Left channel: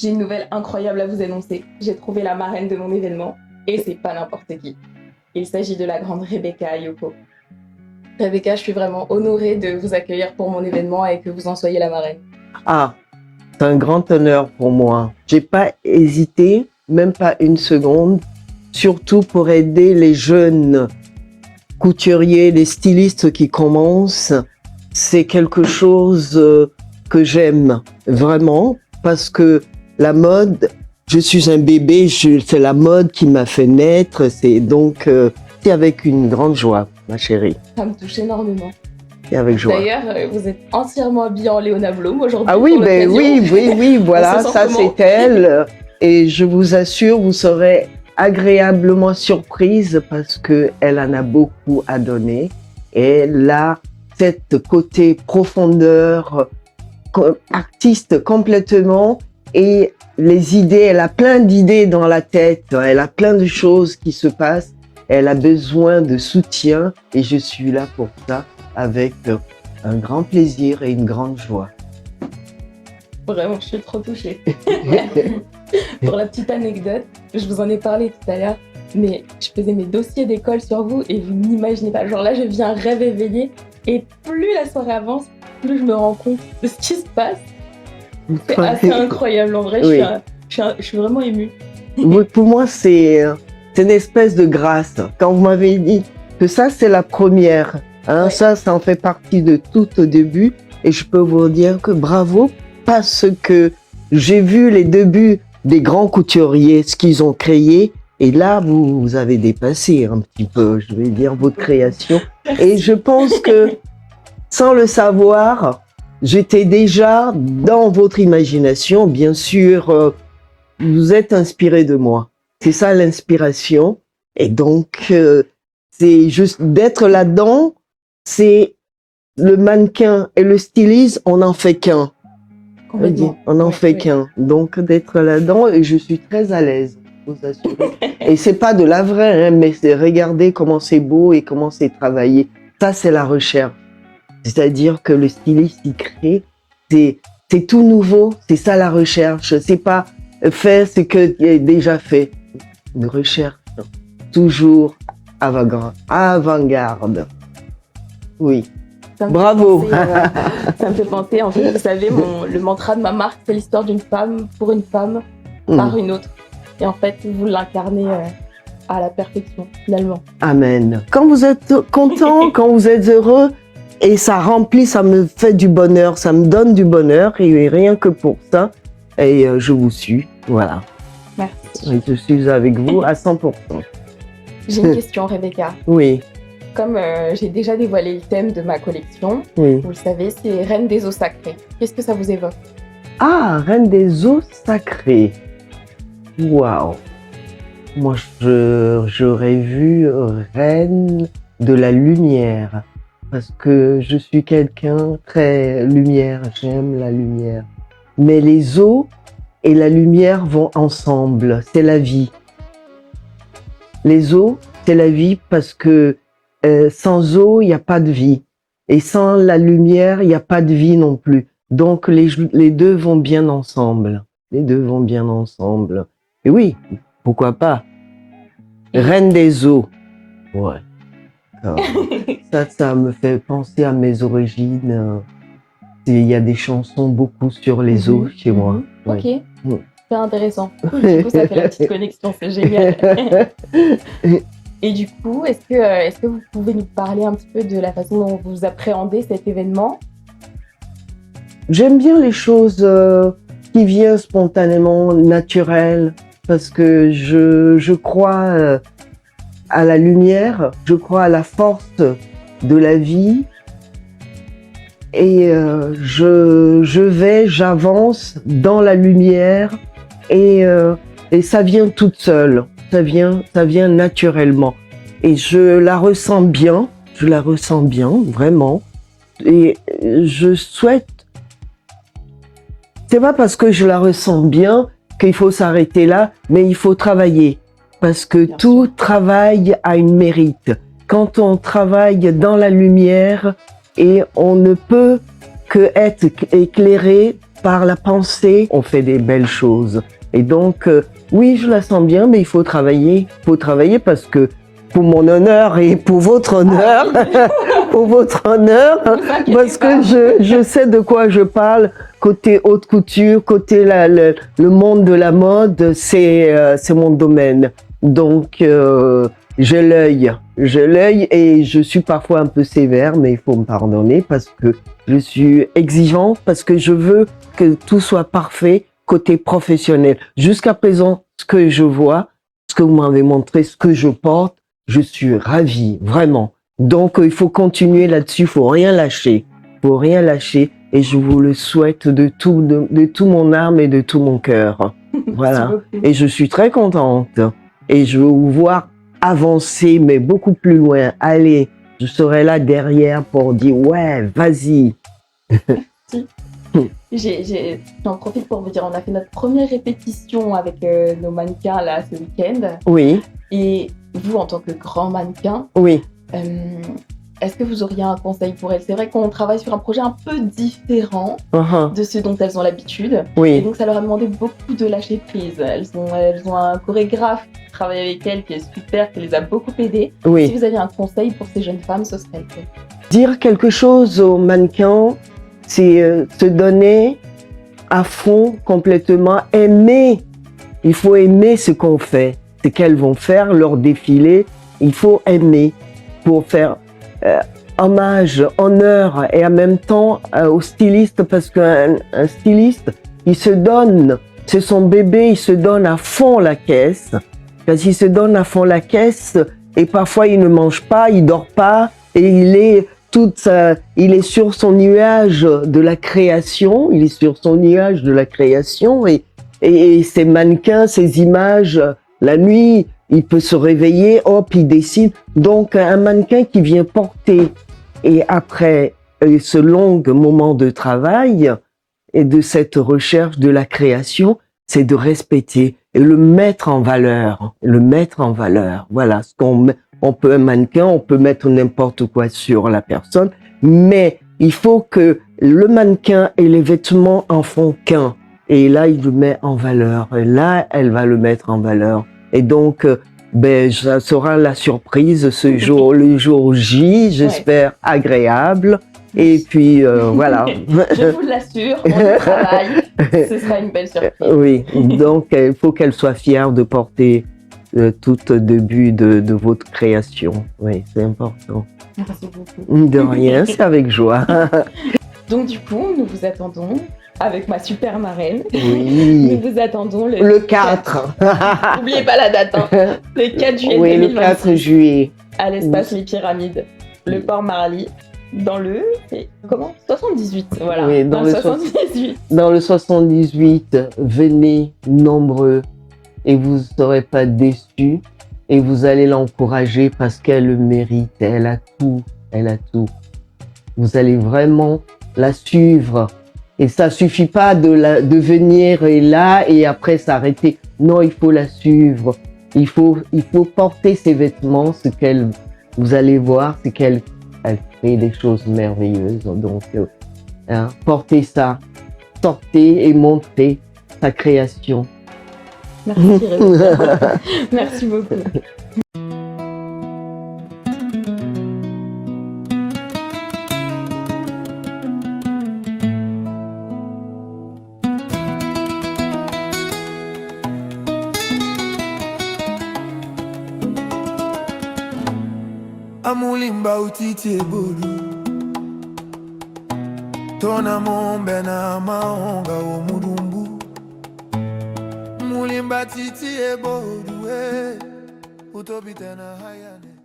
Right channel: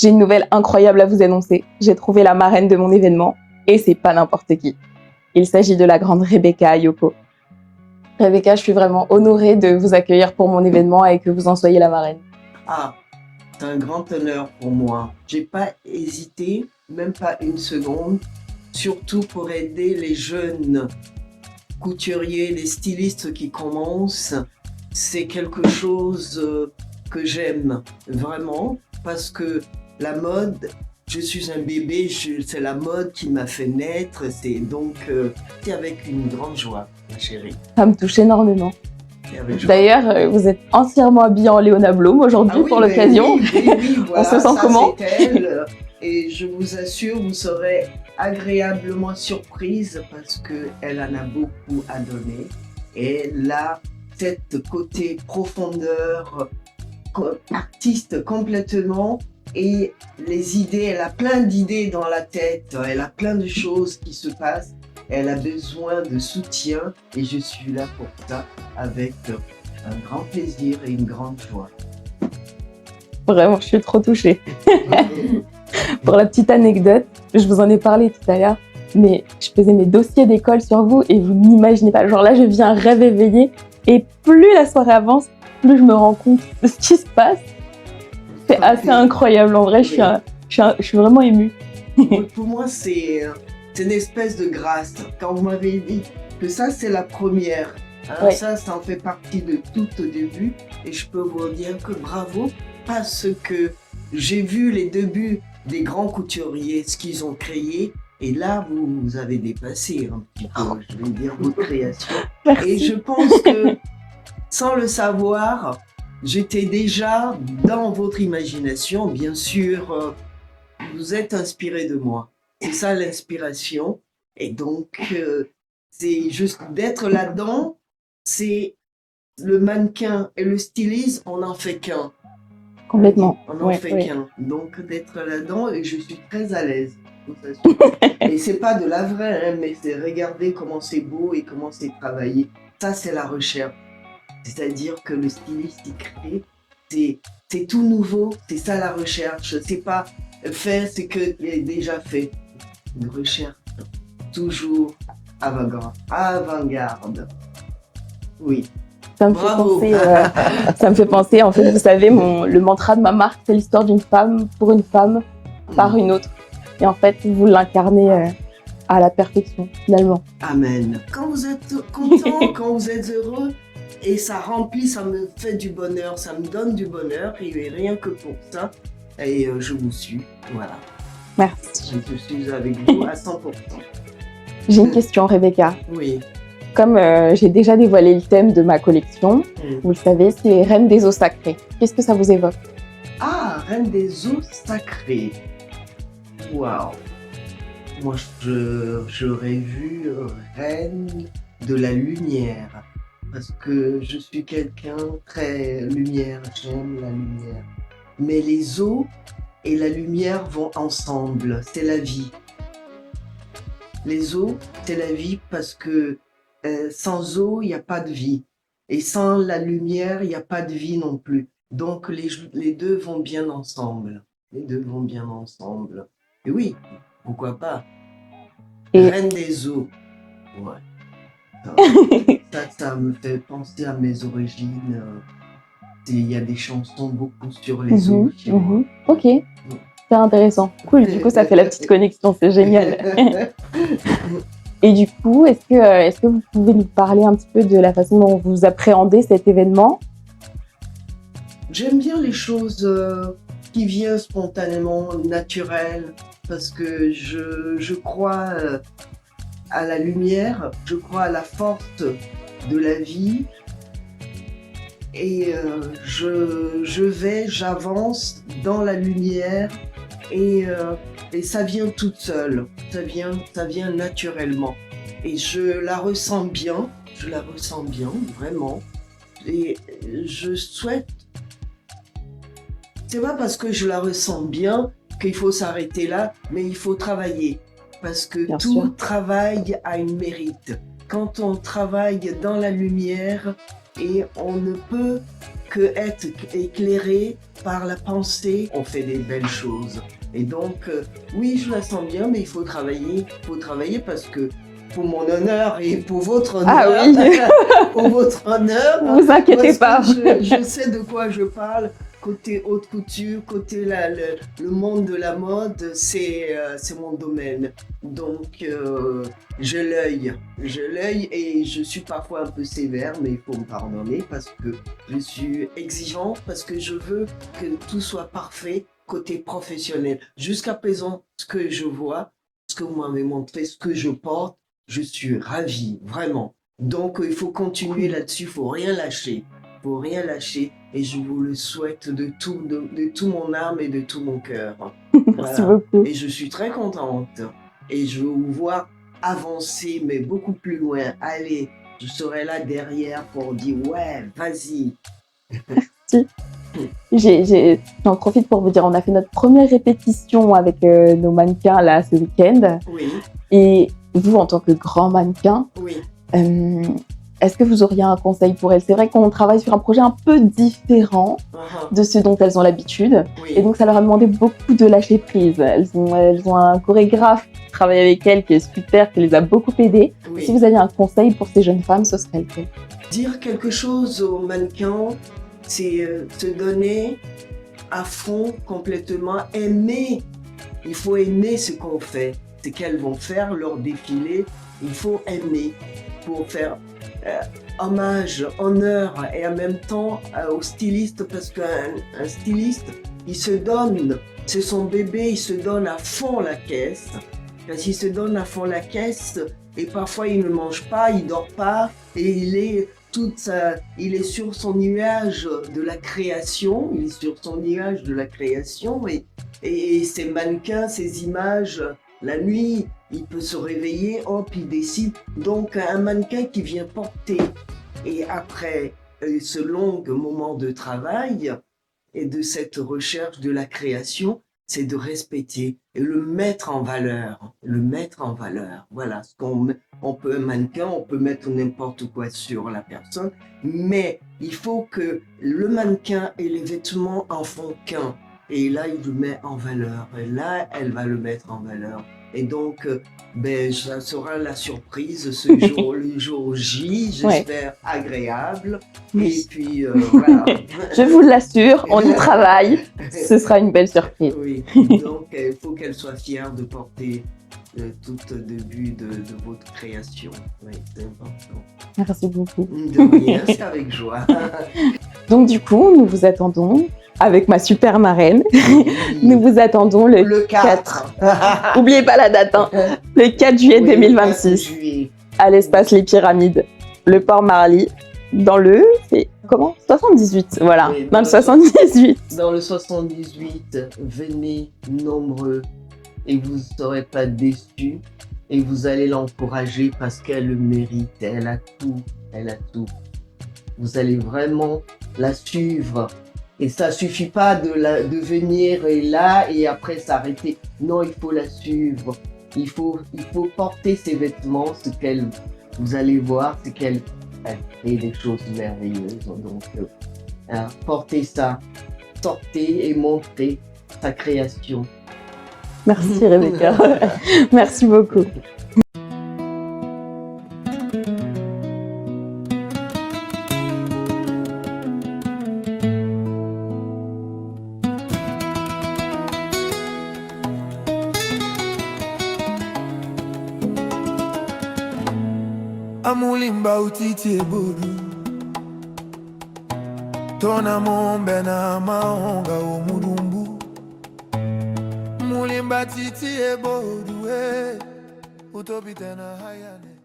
J'ai une nouvelle incroyable à vous annoncer. J'ai trouvé la marraine de mon événement et c'est pas n'importe qui. Il s'agit de la grande Rebecca Ayoko. Rebecca, je suis vraiment honorée de vous accueillir pour mon événement et que vous en soyez la marraine. Ah, c'est un grand honneur pour moi. J'ai pas hésité, même pas une seconde, surtout pour aider les jeunes couturiers, les stylistes qui commencent. C'est quelque chose que j'aime vraiment parce que la mode, je suis un bébé, c'est la mode qui m'a fait naître. C'est donc c'est avec une grande joie, ma chérie. Ça me touche énormément. Et avec joie. D'ailleurs, vous êtes entièrement habillée en Léona Blum aujourd'hui oui, pour l'occasion. Oui, voilà, ça comment c'est elle. Et je vous assure, vous serez agréablement surprise parce qu'elle en a beaucoup à donner. Et elle a cette côté profondeur, artiste complètement. Et les idées, elle a plein d'idées dans la tête. Elle a plein de choses qui se passent. Elle a besoin de soutien et je suis là pour ça avec un grand plaisir et une grande joie. Vraiment, je suis trop touchée. Pour la petite anecdote, je vous en ai parlé tout à l'heure, mais je faisais mes dossiers d'école sur vous et vous n'imaginez pas. Genre là, je vis un rêve éveillé et plus la soirée avance, plus je me rends compte de ce qui se passe. C'est assez incroyable, en vrai, oui. je suis vraiment émue. Pour moi, c'est une espèce de grâce. Quand vous m'avez dit que ça, c'est la première, hein, ouais. Ça en fait partie de tout au début. Et je peux vous dire que bravo, parce que j'ai vu les débuts des grands couturiers, ce qu'ils ont créé. Et là, vous avez dépassé un petit peu, je vais dire, votre création. Merci. Et je pense que, sans le savoir, j'étais déjà dans votre imagination. Bien sûr, vous êtes inspiré de moi. C'est ça l'inspiration. Et donc, c'est juste d'être là-dedans, c'est le mannequin et le styliste, on n'en fait qu'un. Complètement. On n'en fait qu'un. Donc, d'être là-dedans, et je suis très à l'aise, je vous assure. Et c'est pas de la vraie, hein, mais c'est regarder comment c'est beau et comment c'est travaillé. Ça, c'est la recherche. C'est-à-dire que le styliste, il crée, c'est tout nouveau, c'est ça la recherche. C'est pas faire ce qui est déjà fait. Une recherche toujours avant-garde. Oui. Bravo. Ça me fait penser, en fait, vous savez, le mantra de ma marque, c'est l'histoire d'une femme pour une femme par une autre. Et en fait, vous l'incarnez à la perfection, finalement. Amen. Quand vous êtes content, quand vous êtes heureux, et ça remplit, ça me fait du bonheur, ça me donne du bonheur, et rien que pour ça, et je vous suis, voilà. Merci. Je suis avec vous à 100%. J'ai une question, Rebecca. Oui. Comme j'ai déjà dévoilé le thème de ma collection, oui. Vous le savez, c'est Reine des eaux sacrées. Qu'est-ce que ça vous évoque? Ah, Reine des eaux sacrées. Waouh. Moi, j'aurais vu Reine de la lumière. Parce que je suis quelqu'un très lumière, j'aime la lumière. Mais les eaux et la lumière vont ensemble, c'est la vie. Les eaux, c'est la vie parce que sans eau, il n'y a pas de vie. Et sans la lumière, il n'y a pas de vie non plus. Donc les deux vont bien ensemble. Les deux vont bien ensemble. Et oui, pourquoi pas. Reine des eaux. Ouais. Ça me fait penser à mes origines. Il y a des chansons beaucoup sur les eaux chez moi. Ok, c'est intéressant. Cool, du coup, ça fait la petite connexion, c'est génial. Et du coup, est-ce que vous pouvez nous parler un petit peu de la façon dont vous appréhendez cet événement? J'aime bien les choses qui viennent spontanément, naturelles, parce que je crois à la lumière, je crois à la force de la vie et j'avance dans la lumière et ça vient toute seule, ça vient naturellement et je la ressens bien, vraiment et je souhaite, c'est pas parce que je la ressens bien qu'il faut s'arrêter là, mais il faut travailler. Parce que tout travail a une mérite. Quand on travaille dans la lumière et on ne peut que être éclairé par la pensée, on fait des belles choses. Et donc, oui, je la sens bien, mais il faut travailler. Il faut travailler parce que pour mon honneur et pour votre honneur, oui. pour votre honneur, Vous inquiétez parce pas. que je sais de quoi je parle. Côté haute couture, côté le monde de la mode, c'est mon domaine. Donc, j'ai l'œil et je suis parfois un peu sévère, mais il faut me pardonner parce que je suis exigeante, parce que je veux que tout soit parfait côté professionnel. Jusqu'à présent, ce que je vois, ce que vous m'avez montré, ce que je porte, je suis ravie, vraiment. Donc, il faut continuer là-dessus, il faut rien lâcher. Faut rien lâcher et je vous le souhaite de tout mon âme et de tout mon cœur. Voilà. Et je suis très contente et je veux vous voir avancer, mais beaucoup plus loin. Allez, je serai là derrière pour dire ouais, vas-y. J'en profite pour vous dire, on a fait notre première répétition avec nos mannequins là ce week-end. Oui. Et vous, en tant que grand mannequin, oui. Est-ce que vous auriez un conseil pour elles? C'est vrai qu'on travaille sur un projet un peu différent de ce dont elles ont l'habitude. Oui. Et donc, ça leur a demandé beaucoup de lâcher prise. Elles ont un chorégraphe qui travaille avec elles, qui est super, qui les a beaucoup aidées. Oui. Si vous aviez un conseil pour ces jeunes femmes, ce serait lequel? Dire quelque chose aux mannequins, c'est se donner à fond, complètement, aimer. Il faut aimer ce qu'on fait. Ce qu'elles vont faire, leur défilé, il faut aimer pour faire hommage, honneur et en même temps au styliste, parce qu'un styliste, il se donne, c'est son bébé, il se donne à fond la caisse. Parce qu'il se donne à fond la caisse et parfois il ne mange pas, il dort pas et il est sur son nuage de la création, il est sur son nuage de la création et ces mannequins, ces images, la nuit, il peut se réveiller, hop, il décide. Donc, un mannequin qui vient porter, et après ce long moment de travail et de cette recherche de la création, c'est de respecter et le mettre en valeur. Le mettre en valeur. Voilà, on peut un mannequin, on peut mettre n'importe quoi sur la personne, mais il faut que le mannequin et les vêtements en font qu'un. Et là, il le met en valeur. Et là, elle va le mettre en valeur. Et donc, ça sera la surprise ce jour, le jour J, j'espère agréable. Oui. Et puis, voilà. Je vous l'assure, on y travaille. Ce sera une belle surprise. Oui, donc il faut qu'elle soit fière de porter tout début de votre création. Oui, c'est important. Merci beaucoup. De rien, c'est avec joie. Donc du coup, nous vous attendons. Avec ma super marraine, nous vous attendons le 4. N'oubliez pas la date, hein. Le 4 juillet 2026. 4 juillet. À l'espace Les Pyramides, le port Marly, dans le... C'est comment 78, voilà. Oui, dans le 78. Dans le 78, venez nombreux et vous ne serez pas déçus et vous allez l'encourager parce qu'elle le mérite. Elle a tout, elle a tout. Vous allez vraiment la suivre. Et ça suffit pas de venir là et après s'arrêter. Non, il faut la suivre. Il faut porter ses vêtements, vous allez voir, c'est qu'elle fait des choses merveilleuses. Donc, portez ça, sortez et montrez sa création. Merci Rebecca. Merci beaucoup. Amulimba utiti ebodu Tona mombe na maonga omudumbu Mulimba titi ebodu Utobite na hayane